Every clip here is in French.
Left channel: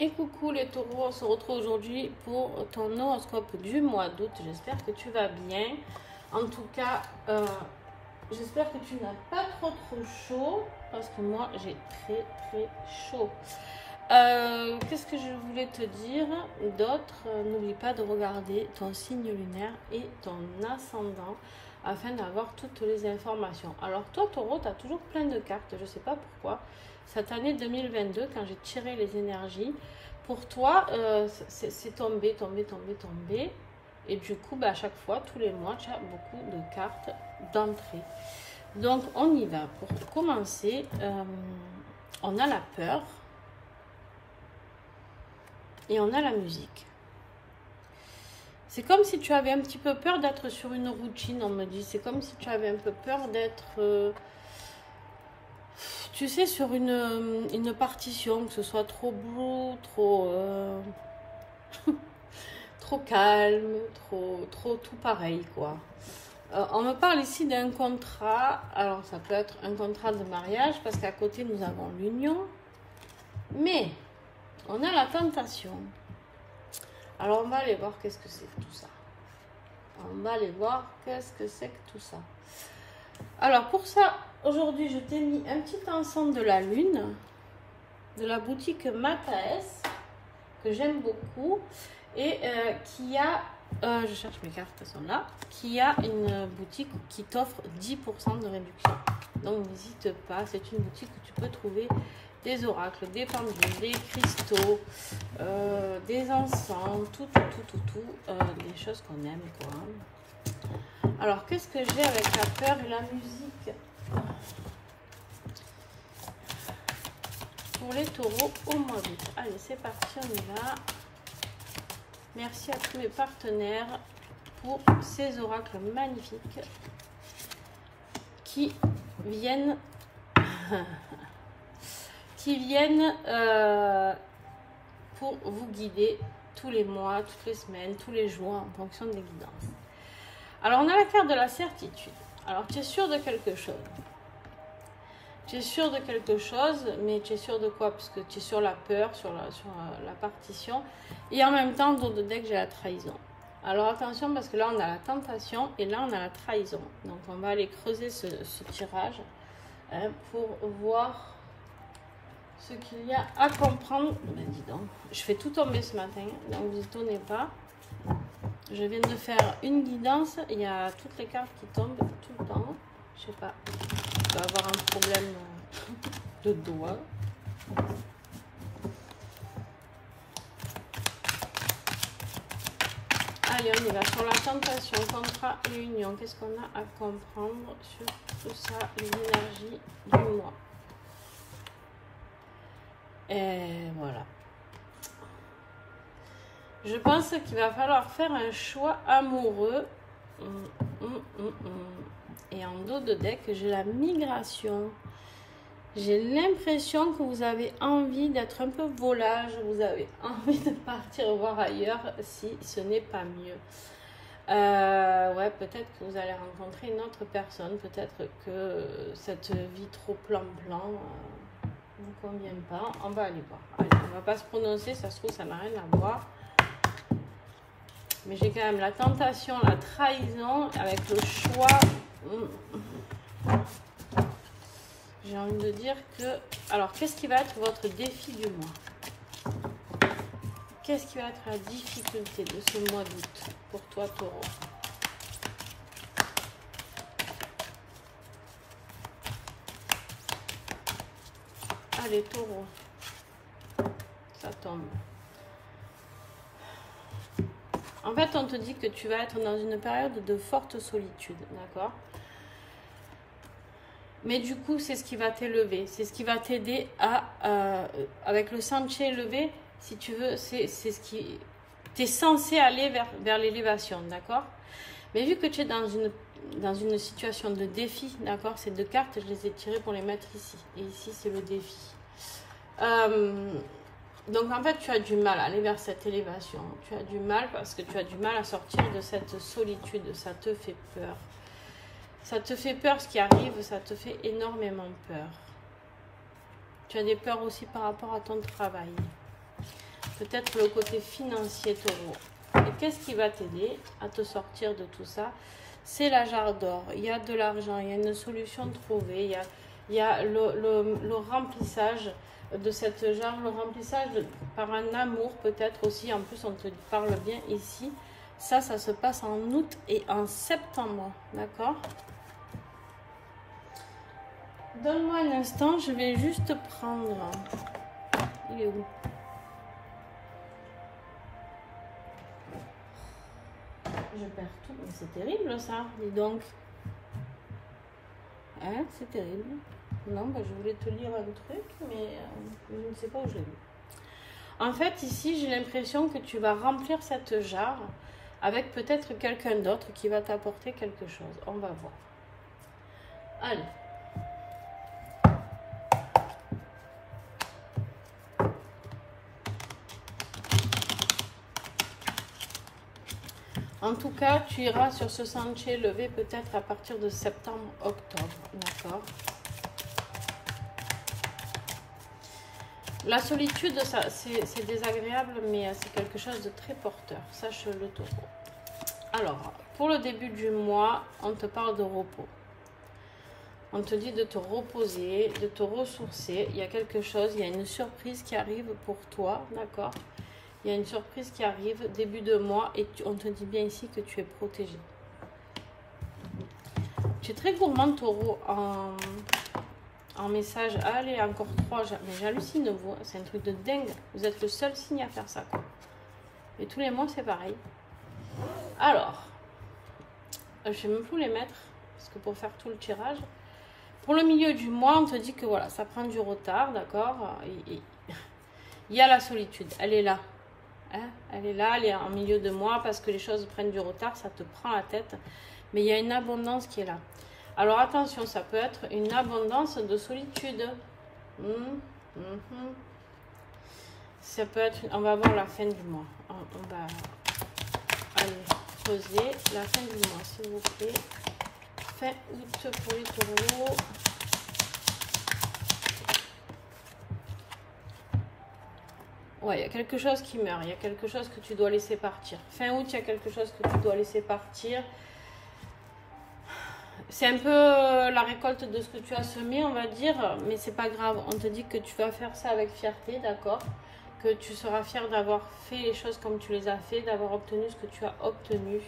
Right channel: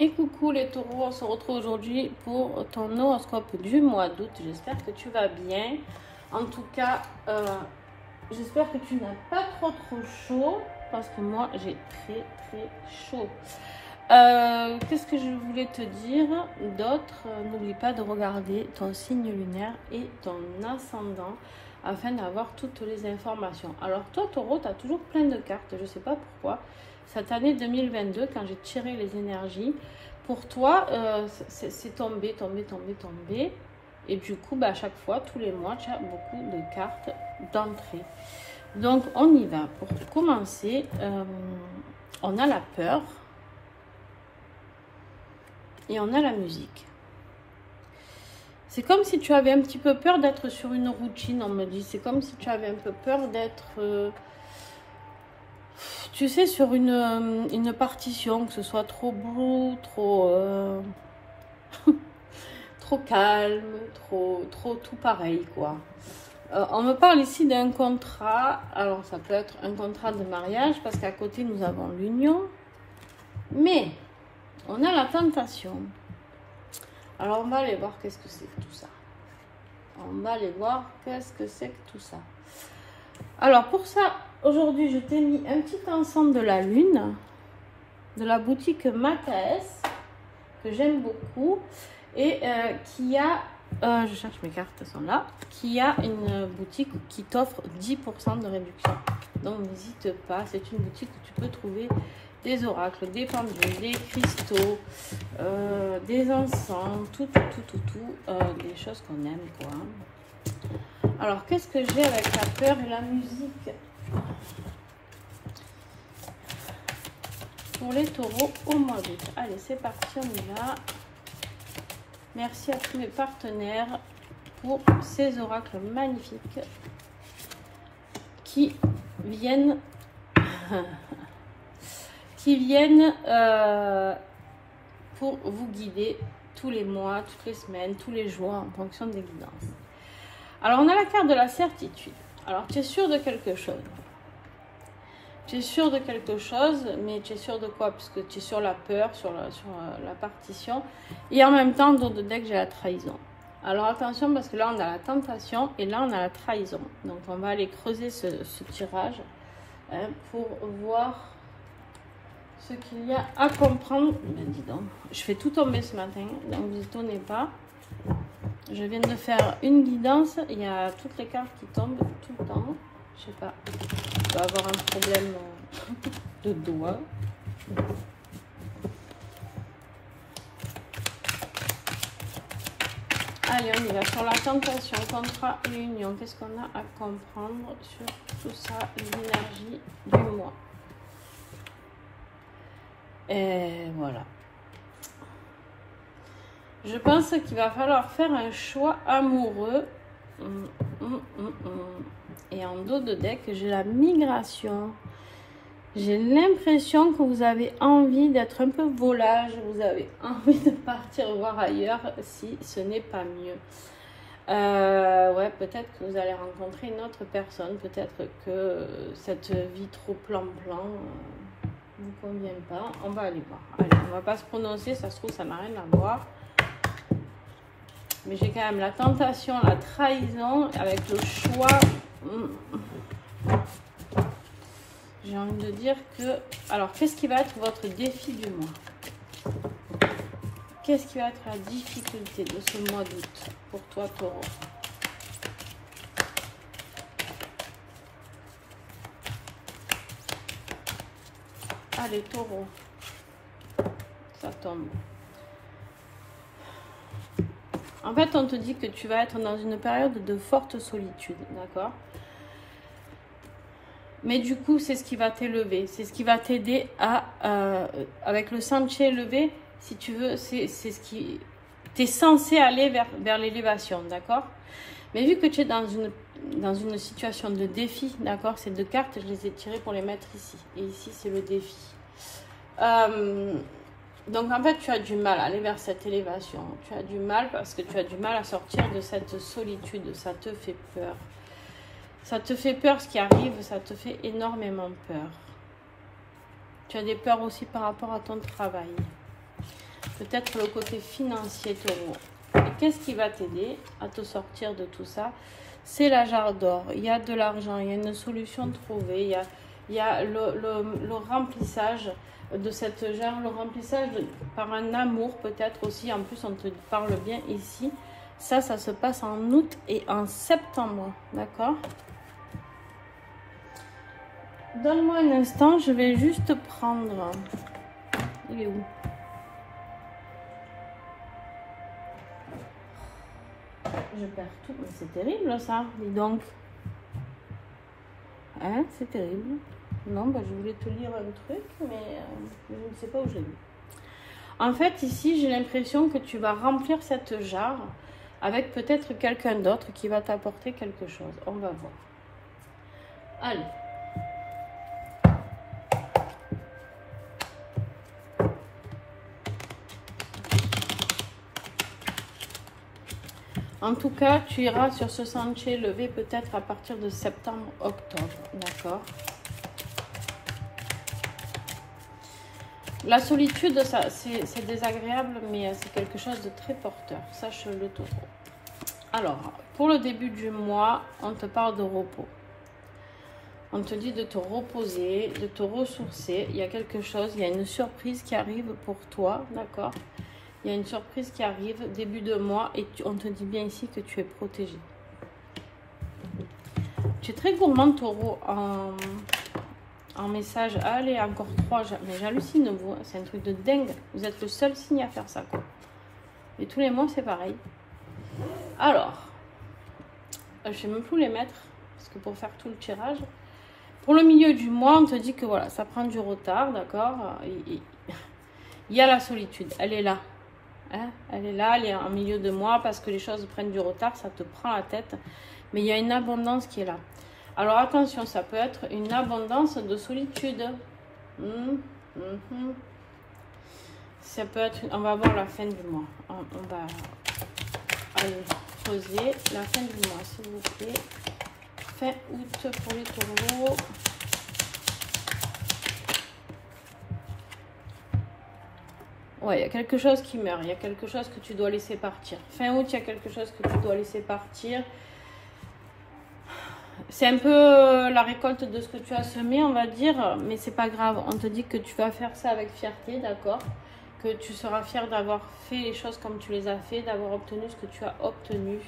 Et coucou les taureaux, on se retrouve aujourd'hui pour ton horoscope du mois d'août. J'espère que tu vas bien. En tout cas, j'espère que tu n'as pas trop chaud parce que moi j'ai très chaud. Qu'est-ce que je voulais te dire d'autre? N'oublie pas de regarder ton signe lunaire et ton ascendant afin d'avoir toutes les informations. Alors toi taureau, tu as toujours plein de cartes, je ne sais pas pourquoi. Cette année 2022, quand j'ai tiré les énergies, pour toi, c'est tombé. Et du coup, à chaque fois, tous les mois, tu as beaucoup de cartes d'entrée. Donc, on y va. Pour commencer, on a la peur et on a la musique. C'est comme si tu avais un petit peu peur d'être sur une routine, on me dit. C'est comme si tu avais un peu peur d'être... tu sais, sur une partition, que ce soit trop bleu, trop trop calme, trop tout pareil, quoi. On me parle ici d'un contrat. Alors, ça peut être un contrat de mariage, parce qu'à côté, nous avons l'union. Mais, on a la tentation. Alors, on va aller voir qu'est-ce que c'est que tout ça. On va aller voir qu'est-ce que c'est que tout ça. Alors, pour ça... Aujourd'hui, je t'ai mis un petit ensemble de la lune, de la boutique Mataes, que j'aime beaucoup, et qui a, je cherche mes cartes, elles sont là, qui a une boutique qui t'offre 10% de réduction. Donc, n'hésite pas, c'est une boutique où tu peux trouver des oracles, des pendules, des cristaux, des encens, tout, des choses qu'on aime, quoi. Alors, qu'est-ce que j'ai avec la peur et la musique ? Pour les taureaux au mois d'août. Allez, c'est parti, on y va. Merci à tous mes partenaires pour ces oracles magnifiques qui viennent pour vous guider tous les mois, toutes les semaines, tous les jours en fonction des guidances. Alors, on a la carte de la certitude. Alors, tu es sûr de quelque chose. Tu es sûr de quelque chose, mais tu es sûr de quoi? Parce que tu es sur la peur, sur la partition. Et en même temps, dans le deck, j'ai la trahison. Alors attention, parce que là, on a la tentation et là, on a la trahison. Donc, on va aller creuser ce tirage pour voir ce qu'il y a à comprendre. Ben, dis donc, je fais tout tomber ce matin, donc ne vous étonnez pas. Je viens de faire une guidance. Il y a toutes les cartes qui tombent tout le temps. Je sais pas. Je dois avoir un problème de doigt. Allez, on y va sur la tentation, contrat et union. Qu'est-ce qu'on a à comprendre sur tout ça, les énergies du mois? Et voilà. Je pense qu'il va falloir faire un choix amoureux. Et en dos de deck, j'ai la migration. J'ai l'impression que vous avez envie d'être un peu volage. Vous avez envie de partir voir ailleurs si ce n'est pas mieux. Ouais, peut-être que vous allez rencontrer une autre personne. Peut-être que cette vie trop plan-plan ne vous convient pas. On va aller voir. Allez, on va pas se prononcer. Ça se trouve, ça n'a rien à voir. Mais j'ai quand même la tentation, la trahison avec le choix. J'ai envie de dire que... Alors, qu'est-ce qui va être votre défi du mois? Qu'est-ce qui va être la difficulté de ce mois d'août pour toi, taureau? Allez, taureau. Ça tombe. En fait, on te dit que tu vas être dans une période de forte solitude, d'accord? Mais du coup, c'est ce qui va t'élever, c'est ce qui va t'aider à, avec le sentier élevé, si tu veux, c'est ce qui... Tu es censé aller vers l'élévation, d'accord? Mais vu que tu es dans une situation de défi, d'accord? Ces deux cartes, je les ai tirées pour les mettre ici. Et ici, c'est le défi. Donc, en fait, tu as du mal à aller vers cette élévation. Tu as du mal parce que tu as du mal à sortir de cette solitude. Ça te fait peur. Ça te fait peur ce qui arrive. Ça te fait énormément peur. Tu as des peurs aussi par rapport à ton travail. peut-être le côté financier, Taureau. Et qu'est-ce qui va t'aider à te sortir de tout ça? C'est la jarre d'or. Il y a de l'argent, il y a une solution trouvée, il y a le remplissage de cette jarre, le remplissage par un amour peut-être aussi. En plus, on te parle bien ici. Ça se passe en août et en septembre, d'accord? Donne-moi un instant, je vais juste prendre... Il est où? Je perds tout. C'est terrible ça, dis donc. Hein, c'est terrible. Non, bah, je voulais te lire un truc, mais je ne sais pas où je l'ai. En fait, ici, j'ai l'impression que tu vas remplir cette jarre avec peut-être quelqu'un d'autre qui va t'apporter quelque chose. On va voir. Allez. En tout cas, tu iras sur ce sentier levé peut-être à partir de septembre-octobre. D'accord? La solitude, c'est désagréable, mais c'est quelque chose de très porteur. Sache-le, Taureau. Alors, pour le début du mois, on te parle de repos. On te dit de te reposer, de te ressourcer. Il y a quelque chose, il y a une surprise qui arrive pour toi, d'accord? Il y a une surprise qui arrive début de mois et on te dit bien ici que tu es protégé. Tu es très gourmand, Taureau, en message. Allez, encore 3. J'hallucine, vous. C'est un truc de dingue. Vous êtes le seul signe à faire ça, quoi. Et tous les mois, c'est pareil. Alors, je ne sais même plus les mettre, parce que pour faire tout le tirage, pour le milieu du mois, on te dit que voilà, ça prend du retard, d'accord? Il y a la solitude, elle est là. Hein? Elle est là, elle est en milieu de mois, parce que les choses prennent du retard, ça te prend la tête. Mais il y a une abondance qui est là. Alors attention, ça peut être une abondance de solitude. Ça peut être, on va voir la fin du mois. On va aller poser la fin du mois, s'il vous plaît. Fin août pour les taureaux. Ouais, il y a quelque chose qui meurt. Il y a quelque chose que tu dois laisser partir. Fin août, il y a quelque chose que tu dois laisser partir. C'est un peu la récolte de ce que tu as semé, on va dire, mais c'est pas grave. On te dit que tu vas faire ça avec fierté, d'accord? Que tu seras fier d'avoir fait les choses comme tu les as fait, d'avoir obtenu ce que tu as obtenu.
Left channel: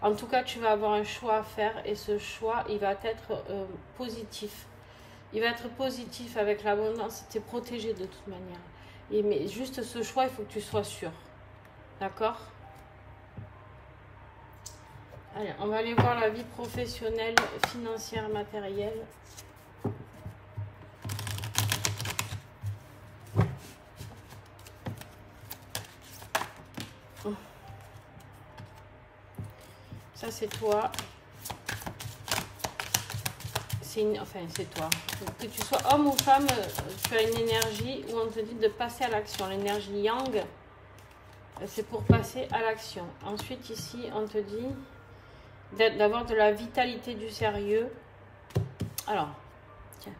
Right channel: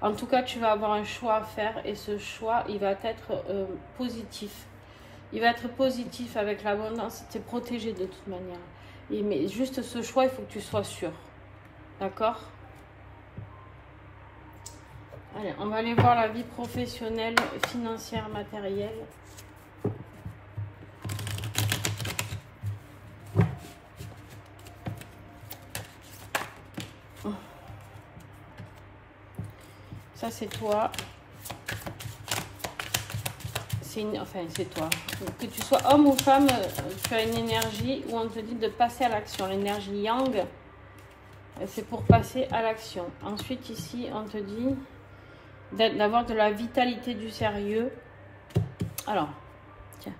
En tout cas, tu vas avoir un choix à faire et ce choix, il va être positif. Il va être positif avec l'abondance. Tu es protégé de toute manière. Mais juste ce choix, il faut que tu sois sûr. D'accord? Allez, on va aller voir la vie professionnelle, financière, matérielle. Ça, c'est toi. Enfin, c'est toi. Que tu sois homme ou femme, tu as une énergie où on te dit de passer à l'action. L'énergie yang, c'est pour passer à l'action. Ensuite, ici, on te dit d'avoir de la vitalité, du sérieux. Alors, tiens,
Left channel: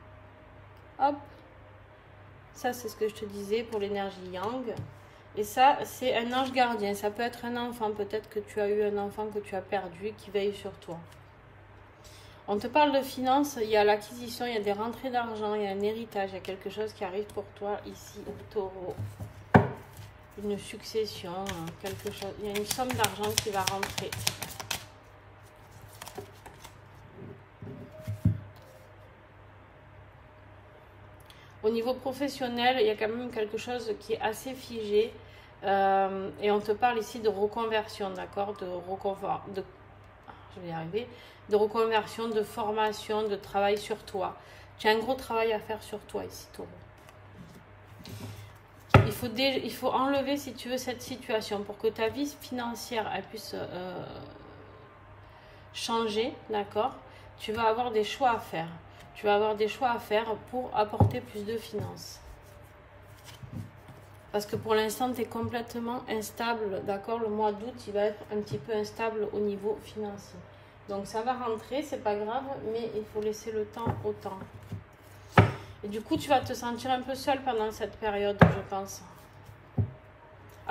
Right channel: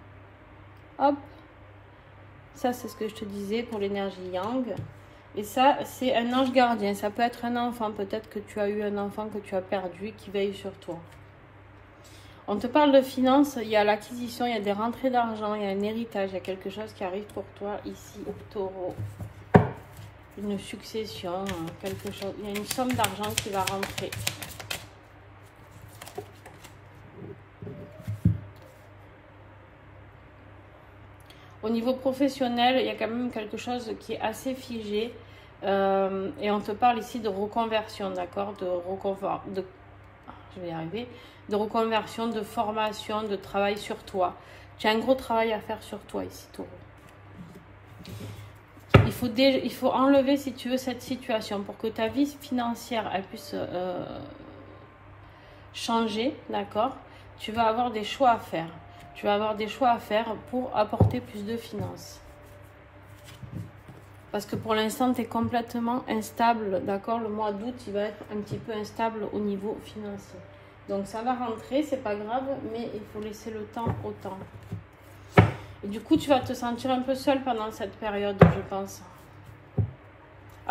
hop, ça c'est ce que je te disais pour l'énergie yang. Et ça, c'est un ange gardien. Ça peut être un enfant, peut-être que tu as eu un enfant que tu as perdu qui veille sur toi. On te parle de finances, il y a l'acquisition, il y a des rentrées d'argent, il y a un héritage, il y a quelque chose qui arrive pour toi ici, Taureau. Une succession, quelque chose, il y a une somme d'argent qui va rentrer. Au niveau professionnel, il y a quand même quelque chose qui est assez figé. Et on te parle ici de reconversion, d'accord? Je vais y arriver. De reconversion, de formation, de travail sur toi. Tu as un gros travail à faire sur toi ici, Taureau. Il faut enlever, si tu veux, cette situation pour que ta vie financière elle puisse changer, d'accord? Tu vas avoir des choix à faire. Tu vas avoir des choix à faire pour apporter plus de finances. Parce que pour l'instant, tu es complètement instable, d'accord? Le mois d'août, il va être un petit peu instable au niveau financier. Donc ça va rentrer, c'est pas grave, mais il faut laisser le temps au temps. Et du coup, tu vas te sentir un peu seul pendant cette période, je pense.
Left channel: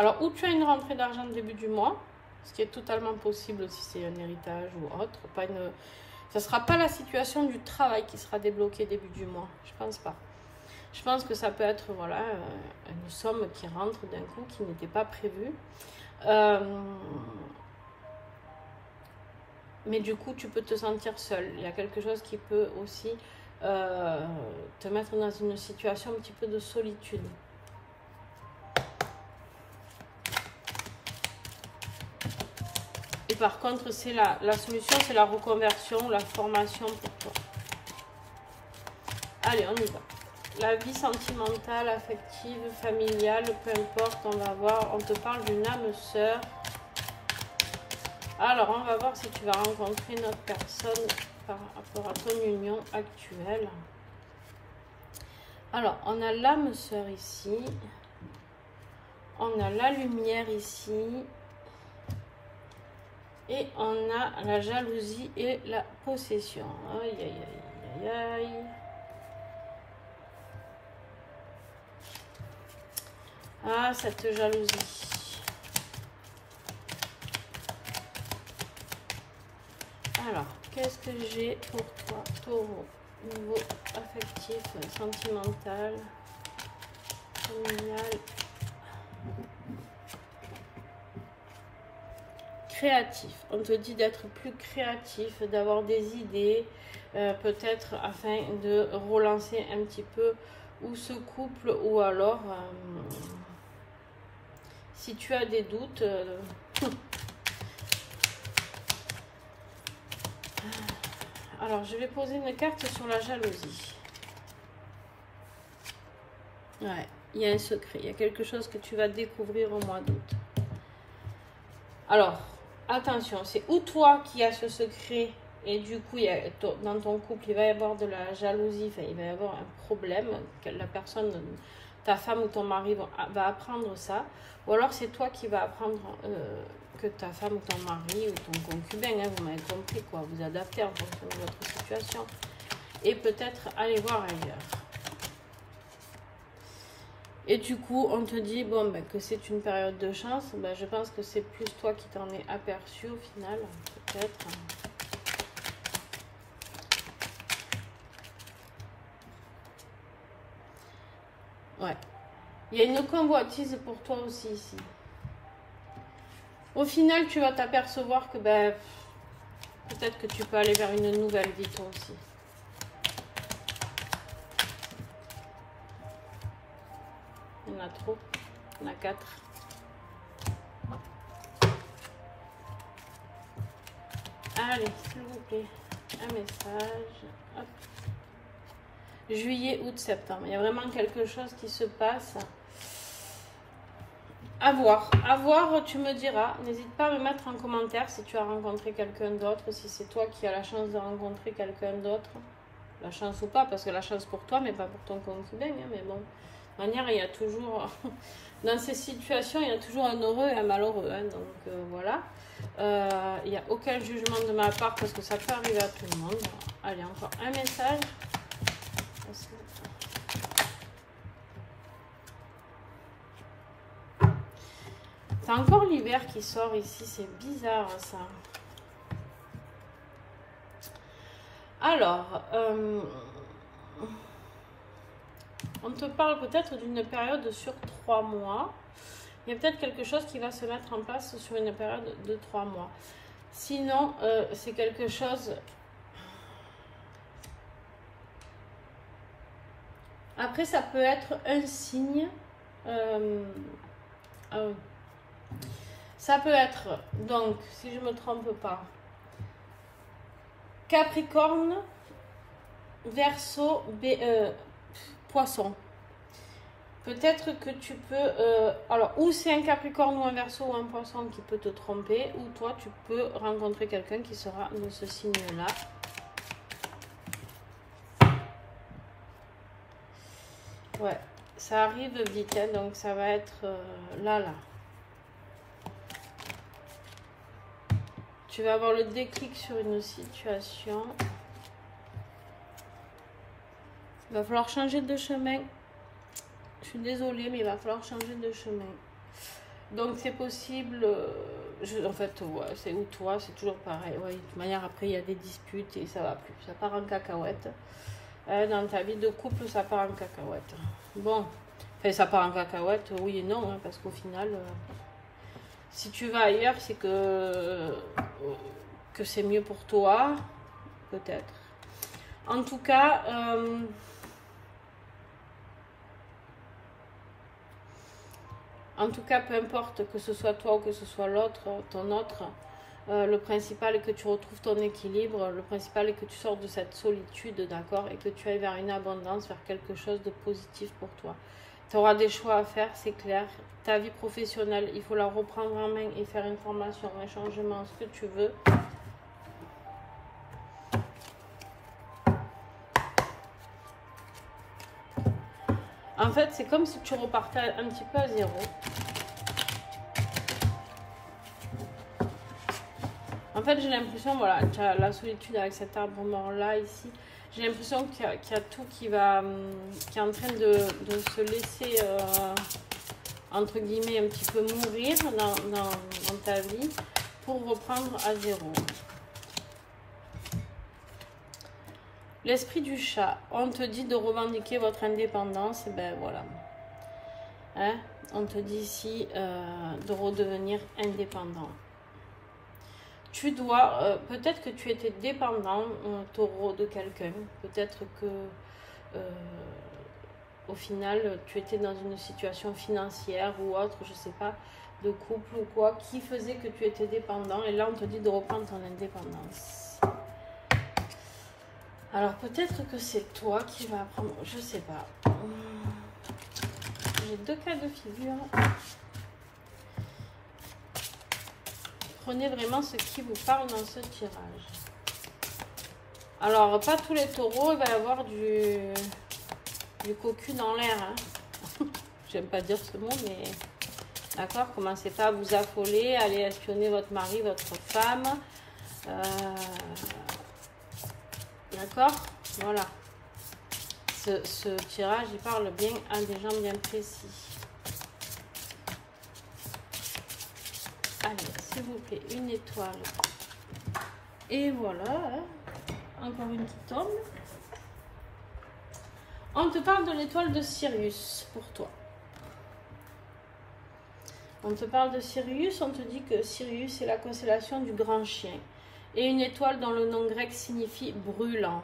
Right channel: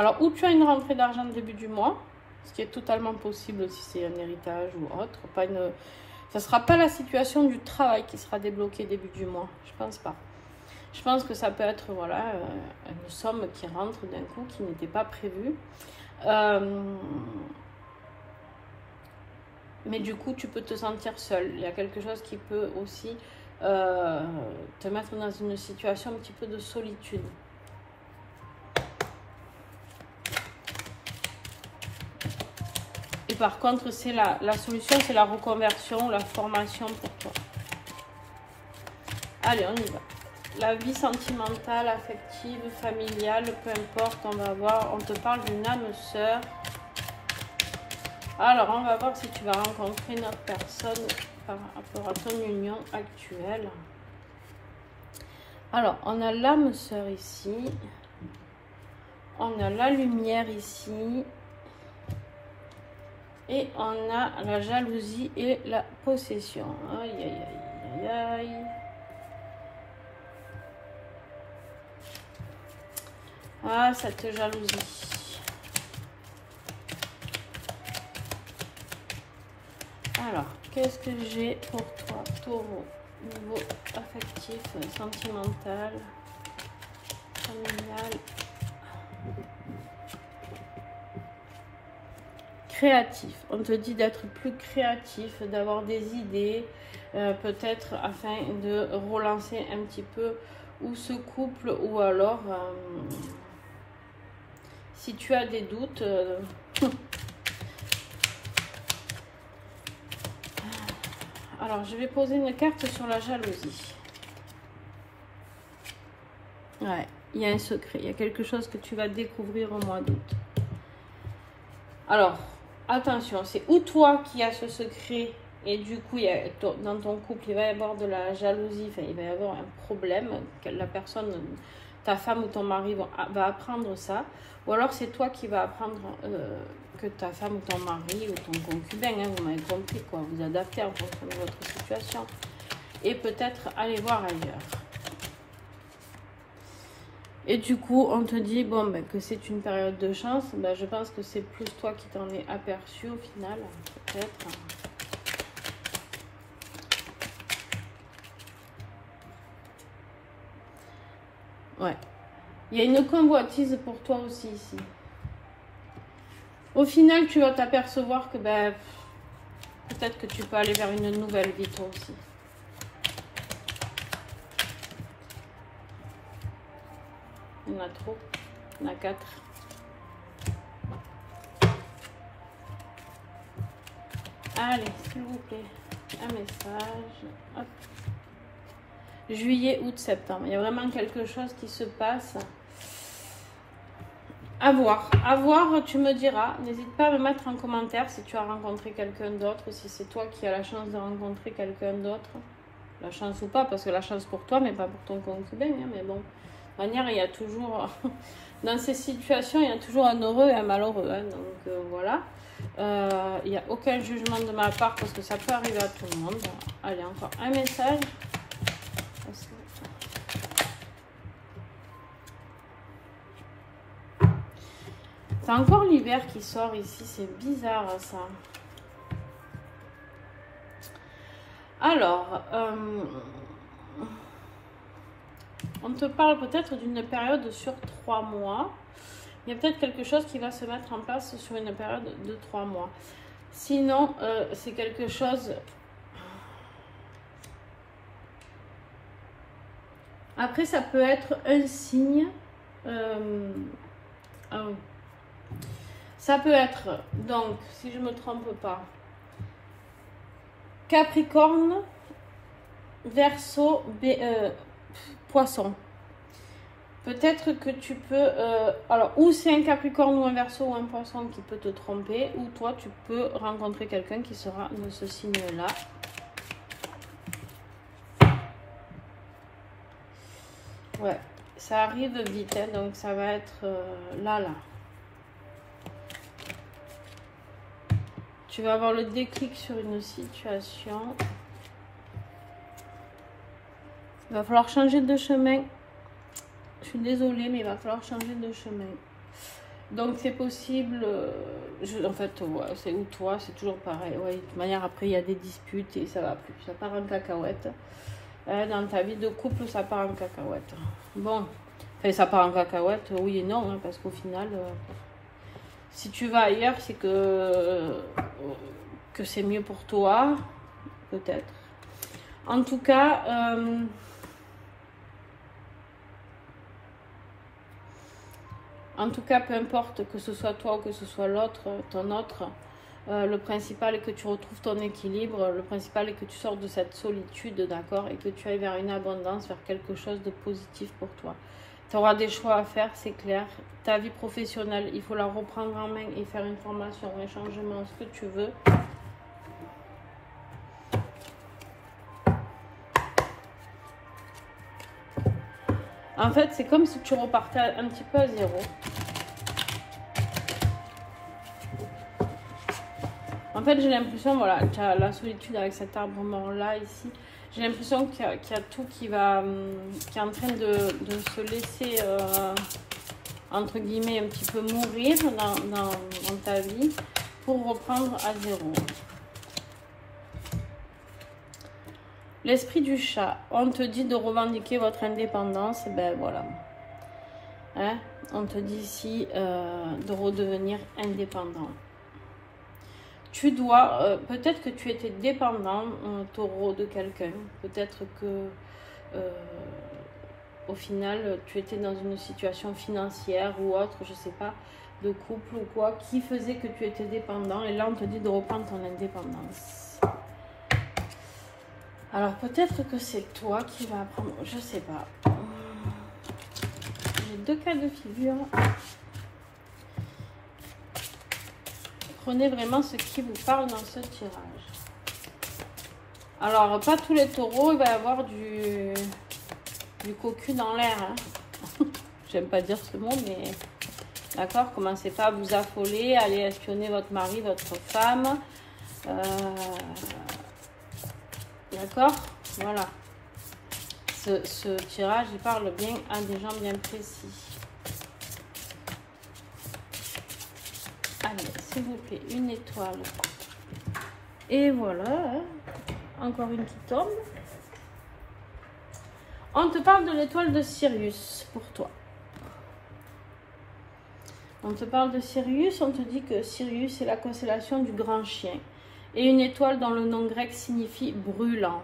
Alors, ou tu as une rentrée d'argent au début du mois, ce qui est totalement possible si c'est un héritage ou autre. Pas une... Ça ne sera pas la situation du travail qui sera débloquée début du mois. Je pense pas. Je pense que ça peut être voilà, une somme qui rentre d'un coup qui n'était pas prévue. Mais du coup, tu peux te sentir seul. Il y a quelque chose qui peut aussi te mettre dans une situation un petit peu de solitude. Et par contre, c'est la solution, c'est la reconversion, la formation pour toi. Allez, on y va. La vie sentimentale, affective, familiale, peu importe, on va voir. On te parle d'une âme sœur. Alors, on va voir si tu vas rencontrer une autre personne par rapport à ton union actuelle. Alors, on a l'âme sœur ici. On a la lumière ici. Et on a la jalousie et la possession. Aïe, aïe, aïe, aïe, aïe. Ah, cette jalousie. Alors, qu'est-ce que j'ai pour toi, Taureau? Niveau affectif, sentimental, familial. Créatif. On te dit d'être plus créatif, d'avoir des idées, peut-être afin de relancer un petit peu ou ce couple ou alors si tu as des doutes. Alors, je vais poser une carte sur la jalousie. Ouais, il y a un secret, il y a quelque chose que tu vas découvrir au mois d'août. Alors, attention, c'est ou toi qui as ce secret et du coup, dans ton couple, il va y avoir de la jalousie, enfin, il va y avoir un problème, que la personne, ta femme ou ton mari va apprendre ça, ou alors c'est toi qui vas apprendre que ta femme ou ton mari ou ton concubin, hein, vous m'avez compris, quoi, vous adaptez en fonction de votre situation et peut-être aller voir ailleurs. Et du coup, on te dit bon, ben, que c'est une période de chance. Ben, je pense que c'est plus toi qui t'en es aperçu au final, peut-être. Ouais. Il y a une convoitise pour toi aussi ici. Au final, tu vas t'apercevoir que ben, peut-être que tu peux aller vers une nouvelle vie toi aussi. Il y en a trop. Il y en a 4. Allez, s'il vous plaît, un message. Hop. Juillet, août, septembre. Il y a vraiment quelque chose qui se passe. À voir, tu me diras. N'hésite pas à me mettre en commentaire si tu as rencontré quelqu'un d'autre, si c'est toi qui as la chance de rencontrer quelqu'un d'autre. La chance ou pas, parce que la chance pour toi, mais pas pour ton concubin. Hein, mais bon, de manière, il y a toujours, dans ces situations, il y a toujours un heureux et un malheureux. Hein, donc voilà. Il n'y a aucun jugement de ma part, parce que ça peut arriver à tout le monde. Allez, encore un message. C'est encore l'hiver qui sort ici, c'est bizarre ça. Alors, on te parle peut-être d'une période sur 3 mois. Il y a peut-être quelque chose qui va se mettre en place sur une période de 3 mois. Sinon, c'est quelque chose... Après, ça peut être un signe... Ah oui. Ça peut être, donc, si je ne me trompe pas, Capricorne, Verseau, Poisson. Peut-être que tu peux... alors, ou c'est un Capricorne ou un Verseau ou un Poisson qui peut te tromper, ou toi, tu peux rencontrer quelqu'un qui sera de ce signe-là. Ouais, ça arrive vite, hein, donc ça va être là. Tu vas avoir le déclic sur une situation. Il va falloir changer de chemin. Je suis désolée, mais il va falloir changer de chemin. Donc c'est possible, en fait, ouais, c'est ou toi, c'est toujours pareil. Ouais, de toute manière, après, il y a des disputes et ça va plus. Ça part en cacahuète. Dans ta vie de couple, ça part en cacahuète. Bon, enfin, ça part en cacahuète, oui et non, hein, parce qu'au final, si tu vas ailleurs, c'est que c'est mieux pour toi, peut-être. En tout cas, peu importe que ce soit toi ou que ce soit l'autre, ton autre, le principal est que tu retrouves ton équilibre, le principal est que tu sors de cette solitude, d'accord, et que tu ailles vers une abondance, vers quelque chose de positif pour toi. Tu auras des choix à faire, c'est clair. Ta vie professionnelle, il faut la reprendre en main et faire une formation, un changement, ce que tu veux. En fait, c'est comme si tu repartais un petit peu à zéro. En fait, j'ai l'impression, voilà, tu as la solitude avec cet arbre mort-là, ici. J'ai l'impression qu'il y a tout qui est en train de se laisser, entre guillemets, un petit peu mourir dans ta vie pour reprendre à zéro. L'esprit du chat, on te dit de revendiquer votre indépendance, ben voilà. Hein? On te dit ici de redevenir indépendant. Tu dois, peut-être que tu étais dépendant, taureau, de quelqu'un. Peut-être que, au final, tu étais dans une situation financière ou autre, je sais pas, de couple ou quoi, qui faisait que tu étais dépendant. Et là, on te dit de reprendre ton indépendance. Alors, peut-être que c'est toi qui vas apprendre, je sais pas. J'ai deux cas de figure. Prenez vraiment ce qui vous parle dans ce tirage. Alors, pas tous les taureaux, il va y avoir du cocu dans l'air. Hein. J'aime pas dire ce mot, mais d'accord, commencez pas à vous affoler, allez espionner votre mari, votre femme. D'accord, voilà. Ce tirage, il parle bien à des gens bien précis. Allez, s'il vous plaît, une étoile. Et voilà, hein. Encore une qui tombe. On te parle de l'étoile de Sirius pour toi. On te parle de Sirius, on te dit que Sirius est la constellation du grand chien. Et une étoile dont le nom grec signifie brûlant.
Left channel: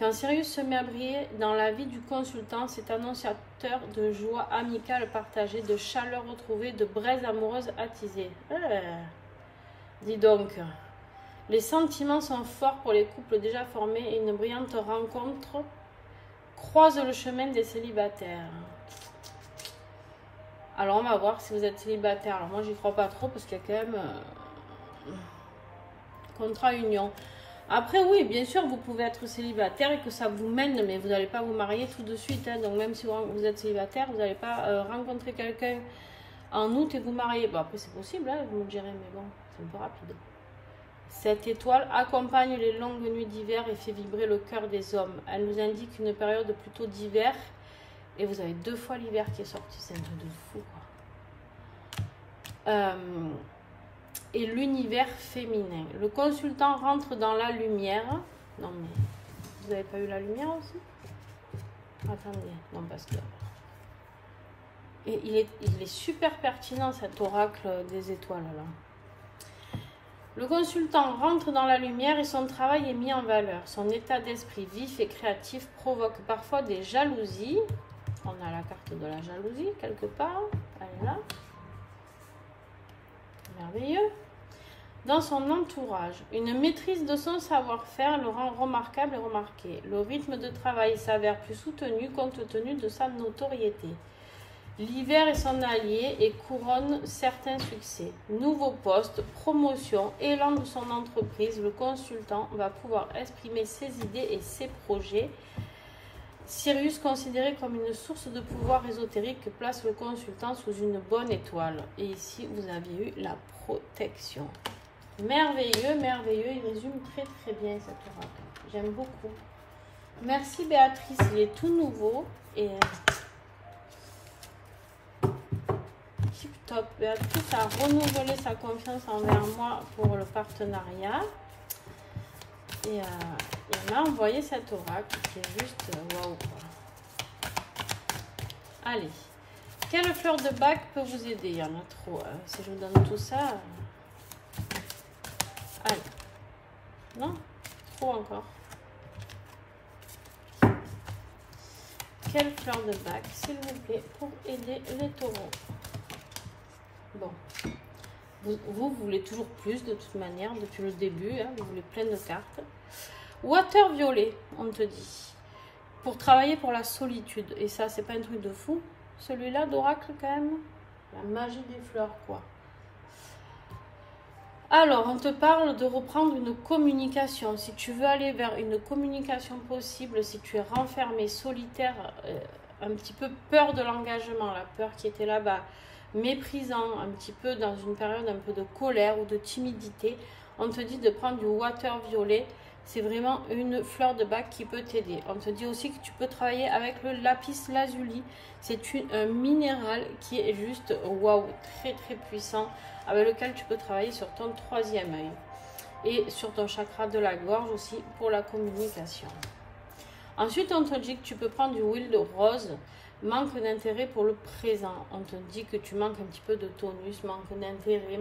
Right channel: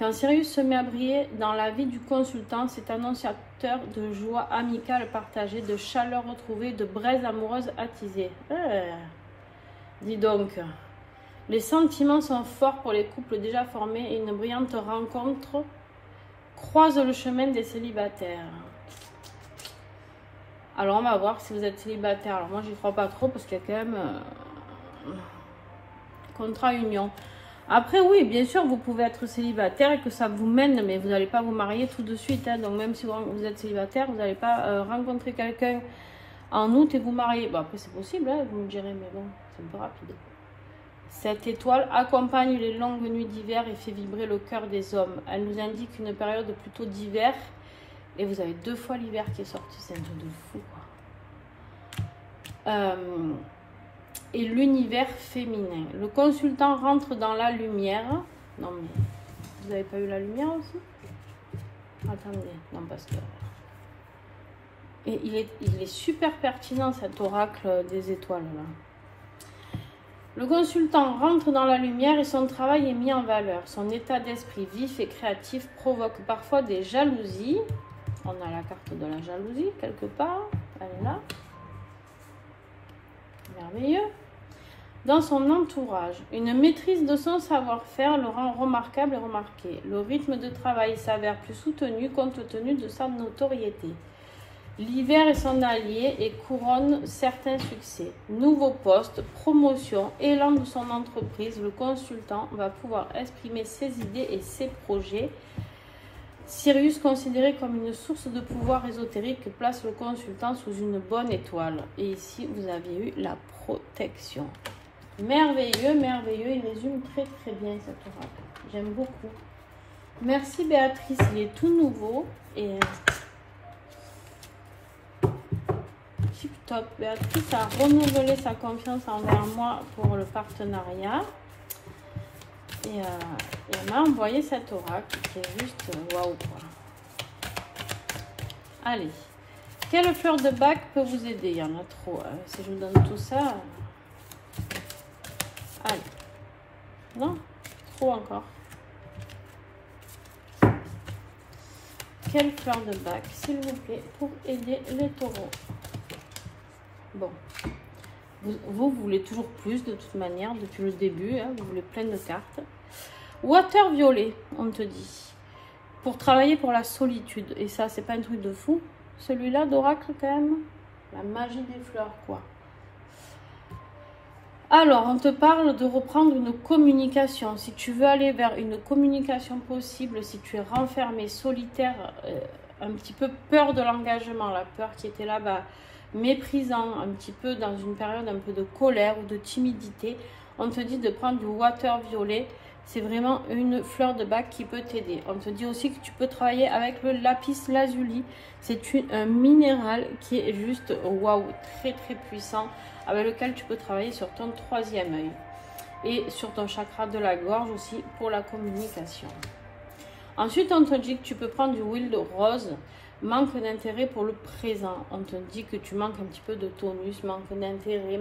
Quand Sirius se met à briller dans la vie du consultant, c'est annonciateur de joie amicale partagée, de chaleur retrouvée, de braises amoureuses attisées. Dis donc, les sentiments sont forts pour les couples déjà formés et une brillante rencontre croise le chemin des célibataires. Alors, on va voir si vous êtes célibataire. Alors, moi, j'y crois pas trop parce qu'il y a quand même contrat union. Après, oui, bien sûr, vous pouvez être célibataire et que ça vous mène, mais vous n'allez pas vous marier tout de suite. Hein. Donc, même si vous êtes célibataire, vous n'allez pas rencontrer quelqu'un en août et vous marier. Bon, après, c'est possible, hein, vous me direz, mais bon, c'est un peu rapide. Cette étoile accompagne les longues nuits d'hiver et fait vibrer le cœur des hommes. Elle nous indique une période plutôt d'hiver. Et vous avez 2 fois l'hiver qui est sorti, c'est un truc de fou, quoi. Et l'univers féminin. Le consultant rentre dans la lumière. Non, mais vous n'avez pas eu la lumière aussi? Attendez, non, parce que... Et il est super pertinent, cet oracle des étoiles, là. Le consultant rentre dans la lumière et son travail est mis en valeur. Son état d'esprit vif et créatif provoque parfois des jalousies. On a la carte de la jalousie quelque part. Elle est là. Merveilleux. Dans son entourage, une maîtrise de son savoir-faire le rend remarquable et remarqué. Le rythme de travail s'avère plus soutenu compte tenu de sa notoriété. L'hiver est son allié et couronne certains succès. Nouveau poste, promotion, élan de son entreprise, le consultant va pouvoir exprimer ses idées et ses projets. Sirius, considéré comme une source de pouvoir ésotérique, place le consultant sous une bonne étoile. Et ici, vous avez eu la protection. Merveilleux, merveilleux. Il résume très très bien cette oracle. J'aime beaucoup. Merci Béatrice, il est tout nouveau. Et tip top. Béatrice a renouvelé sa confiance envers moi pour le partenariat. Et elle m'a envoyé cet oracle qui est juste waouh. Allez, quelle fleur de bac peut vous aider? Il y en a trop. Hein. Si je vous donne tout ça. Allez. Non, trop encore. Quelle fleur de bac, s'il vous plaît, pour aider les taureaux? Bon. Vous voulez toujours plus de toute manière, depuis le début. Hein, vous voulez plein de cartes. Water violet, on te dit. Pour travailler pour la solitude. Et ça, c'est pas un truc de fou. Celui-là d'oracle, quand même. La magie des fleurs, quoi. Alors, on te parle de reprendre une communication. Si tu veux aller vers une communication possible, si tu es renfermé, solitaire, un petit peu peur de l'engagement, la peur qui était là-bas, méprisant, un petit peu dans une période un peu de colère ou de timidité, on te dit de prendre du water violet. C'est vraiment une fleur de bac qui peut t'aider. On te dit aussi que tu peux travailler avec le lapis lazuli. C'est un minéral qui est juste waouh, très très puissant, avec lequel tu peux travailler sur ton troisième œil et sur ton chakra de la gorge aussi pour la communication. Ensuite, on te dit que tu peux prendre du huile de rose, manque d'intérêt pour le présent. On te dit que tu manques un petit peu de tonus, manque d'intérêt,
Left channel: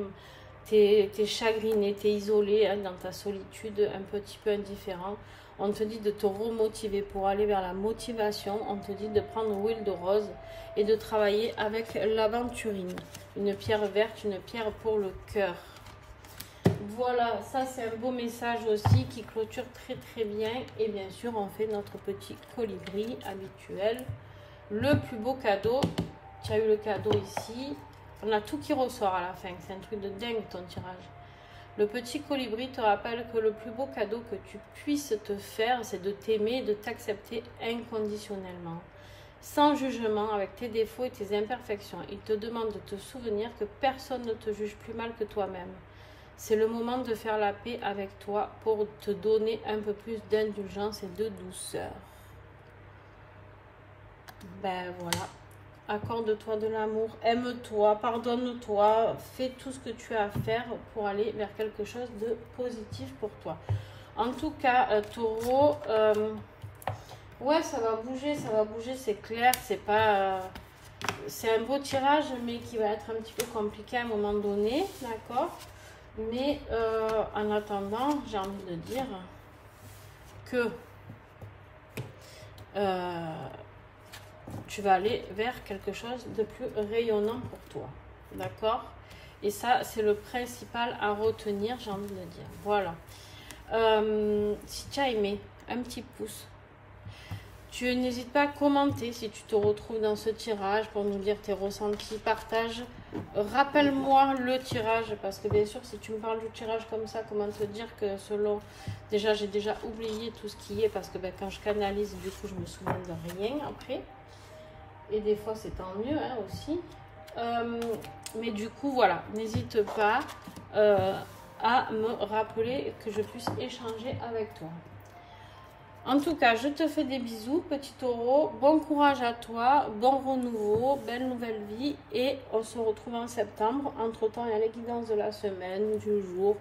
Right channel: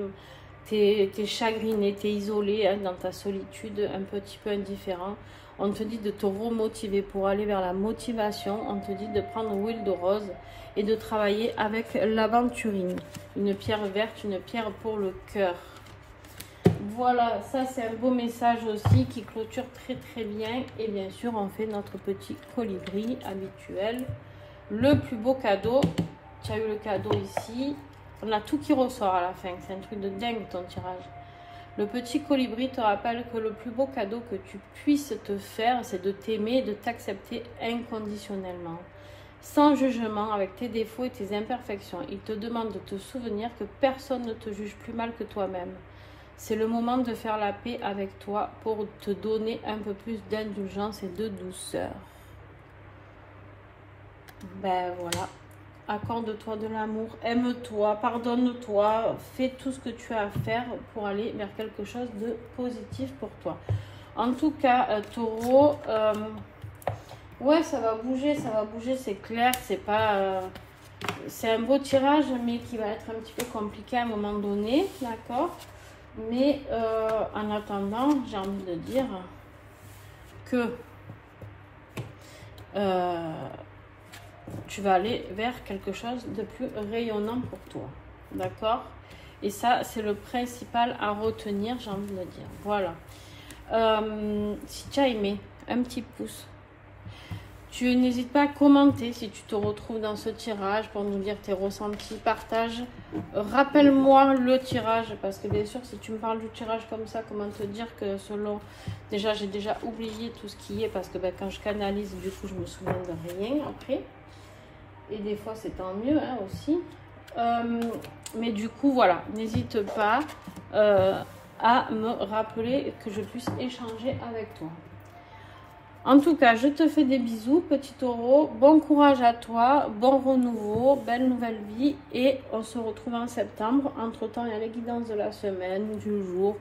tu es chagriné, tu es isolé hein, dans ta solitude, un petit peu indifférent. On te dit de te remotiver pour aller vers la motivation. On te dit de prendre l'huile de rose et de travailler avec l'aventurine. Une pierre verte, une pierre pour le cœur. Voilà, ça c'est un beau message aussi qui clôture très très bien. Et bien sûr, on fait notre petit colibri habituel. Le plus beau cadeau, tu as eu le cadeau ici. On a tout qui ressort à la fin. C'est un truc de dingue ton tirage. Le petit colibri te rappelle que le plus beau cadeau que tu puisses te faire, c'est de t'aimer et de t'accepter inconditionnellement. Sans jugement, avec tes défauts et tes imperfections. Il te demande de te souvenir que personne ne te juge plus mal que toi-même. C'est le moment de faire la paix avec toi pour te donner un peu plus d'indulgence et de douceur. Ben voilà. Accorde-toi de l'amour, aime-toi, pardonne-toi, fais tout ce que tu as à faire pour aller vers quelque chose de positif pour toi. En tout cas, taureau, ouais, ça va bouger, c'est clair, c'est pas... c'est un beau tirage, mais qui va être un petit peu compliqué à un moment donné, d'accord? Mais en attendant, j'ai envie de dire que... tu vas aller vers quelque chose de plus rayonnant pour toi, d'accord? Et ça, c'est le principal à retenir, j'ai envie de dire. Voilà. Si tu as aimé, un petit pouce. Tu n'hésites pas à commenter si tu te retrouves dans ce tirage pour nous dire tes ressentis, partage. Rappelle-moi le tirage, parce que bien sûr, si tu me parles du tirage comme ça, comment te dire que selon... Déjà, j'ai déjà oublié tout ce qui est, parce que ben, quand je canalise, du coup, je me souviens de rien après. Et des fois, c'est tant mieux hein, aussi. Mais du coup, voilà, n'hésite pas à me rappeler que je puisse échanger avec toi. En tout cas, je te fais des bisous, petit taureau. Bon courage à toi, bon renouveau, belle nouvelle vie. Et on se retrouve en septembre. Entre-temps, il y a les guidances de la semaine, du jour.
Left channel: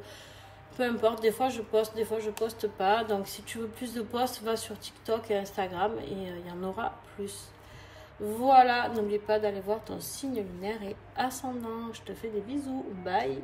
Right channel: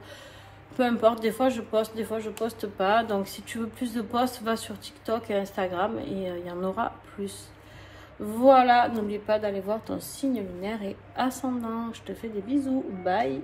Peu importe, des fois je poste, des fois je poste pas. Donc si tu veux plus de posts, va sur TikTok et Instagram et il y en aura plus. Voilà, n'oublie pas d'aller voir ton signe lunaire et ascendant. Je te fais des bisous. Bye.